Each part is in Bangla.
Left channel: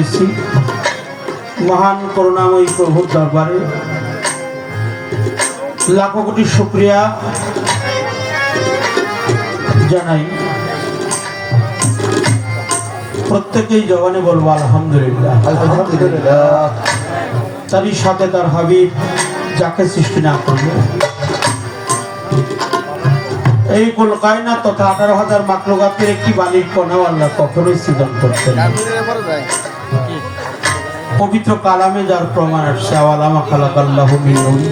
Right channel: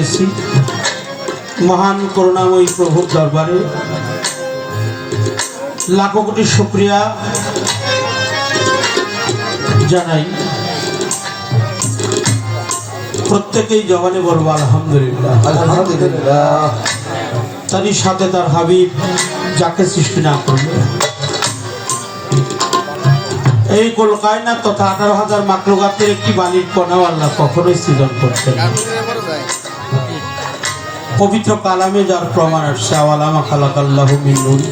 এসেছি। মহান করুণাময়ী প্রভুর দরবারে। লাখো কোটি শুক্রিয়া জানাই। প্রত্যেকেই জবানে বলব আলহামদুলিল্লাহ। আলহামদুলিল্লাহ। তারই সাথে তার হাবিব যাকে সৃষ্টি না করবে এই কলকায়না তথা আঠারো হাজার মাকলুকাতের একটি বাণীর কণাও আল্লাহ কখনোই সৃজন করতেন না। পবিত্র কালামে যার প্রমাণ আসছে আওয়ালামা খালাক আল্লাহ মিন নুরি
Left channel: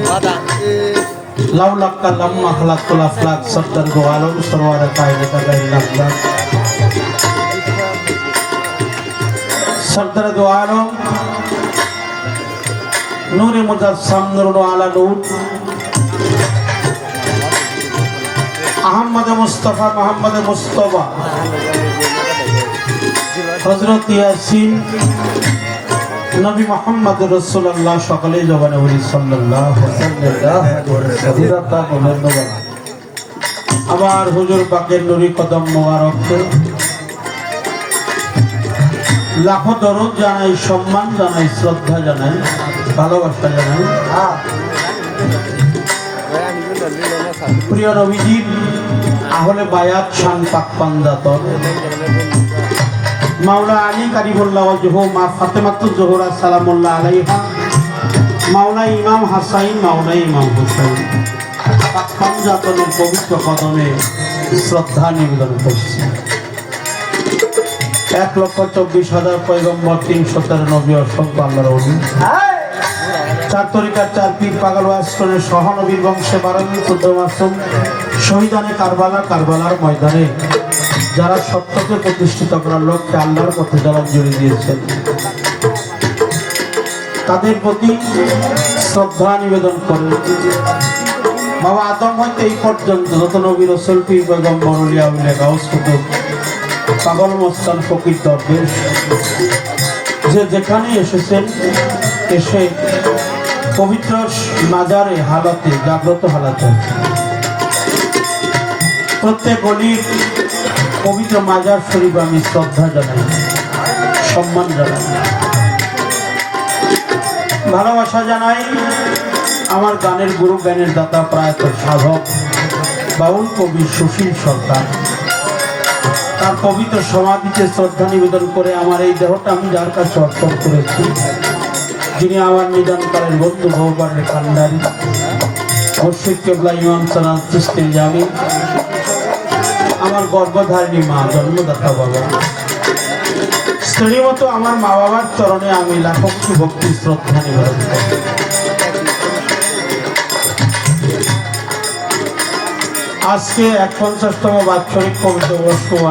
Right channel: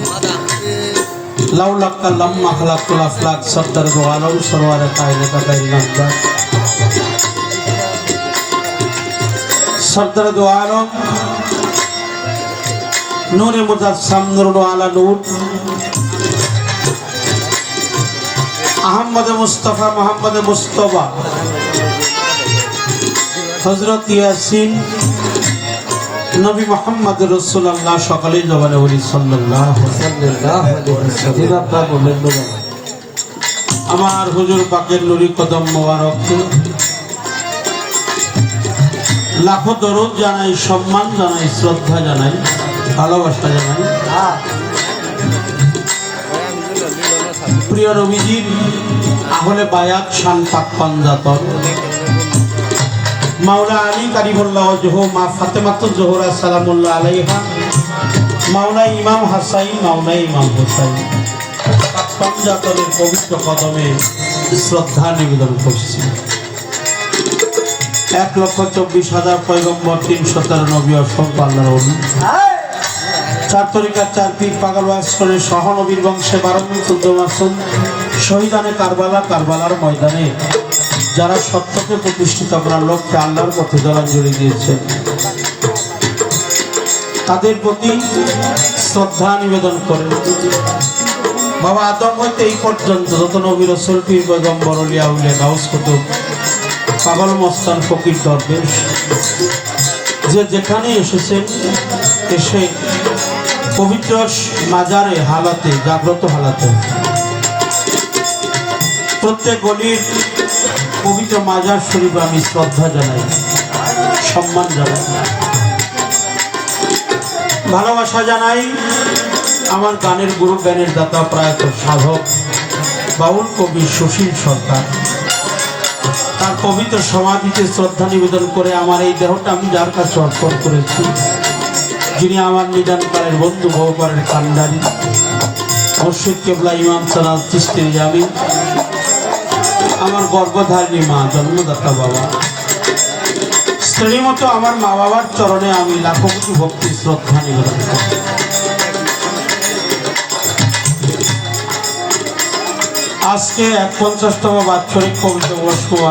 লাউ লাক্কা লাম্মা খালাকুল আফলাক সত্তর দো আলম সরওয়ারে কায়নাতা সর্দার দো আলম নূরে মুজাসসাম আলা নূর মুস্তফা, মোহাম্মদ মুস্তফা। হজরত ইয়াসিন নবী মোহাম্মদ রসুল্লাহ সকালে জবানে বলি আমার হুজুর পাকের নুরি কদম মোবারক। লাখো দরদ জানাই সম্মান জানাই শ্রদ্ধা জানাই ভালোবাসা জানাই। প্রিয় নবীজির আহলে বায়াত শান পাক পান্দাতর মাওলা আলী কারিবুল্লাহ জহু মা ফাতেমাতু জোহরা সালামুল্লাহ আলাইহা। মাওলা ইমাম হাসাইন, মাওলা ইমাম হুসাইন পবিত্র কদমে শ্রদ্ধা নিবেদন করছি। এক লক্ষ চব্বিশ হাজার পয়গম্বর তিনশো তেরো নবী অসংখ্য চার তরিকার চার পীর পাগল আশ্রমের সহনবীর বংশে চোদ্দ মাসুম। শহীদানে কারবালা, কারবালার ময়দানে যারা সত্যকে প্রতিষ্ঠিত করার লক্ষ্যে আল্লাহর পথে জলাম জড়িয়ে দিয়েছেন তাদের প্রতি শ্রদ্ধা নিবেদন করেন। বাবা আদম হইতে এই পর্যন্ত যত নবী রসুল, পীর, পয়গম্বর উলিয়া উলিয়া, গাউস, কুতুব, পাগল, মস্তান, ফকির, দরবেশ, যে যেখানে এসেছেন, এসে পবিত্র মাজারে হালাতে, জাগ্রত হালাতে। প্রত্যেক অলির পবিত্র মাজার শরীফ আমি শ্রদ্ধা জানাই, সম্মান জানাই। ভালোবাসা জানাই আমার গানের গুরু গানের দাতা প্রয়াত সাধক বাউল কবি সুশীল সরকার। তার পবিত্র সমাধিতে শ্রদ্ধা নিবেদন করে আমার এই দেহটা আমি যার কাছে অর্পণ করেছি, যিনি আমার নিদানকালের বন্ধু ভগবানের কান্ডারি। অবশ্যই কেবলা ইমাম সালাদ চিস্তের যাবি আমার গর্ভধারিণী মা জন্মদাতা বাবা। শ্রেণীমতো আমার মা বাবার চরণে আমি লাখো কোটি ভক্তি শ্রদ্ধা নিবেদন করি। আজকে এক পঞ্চাশতম বাৎসরিক কবিতা বর্ষ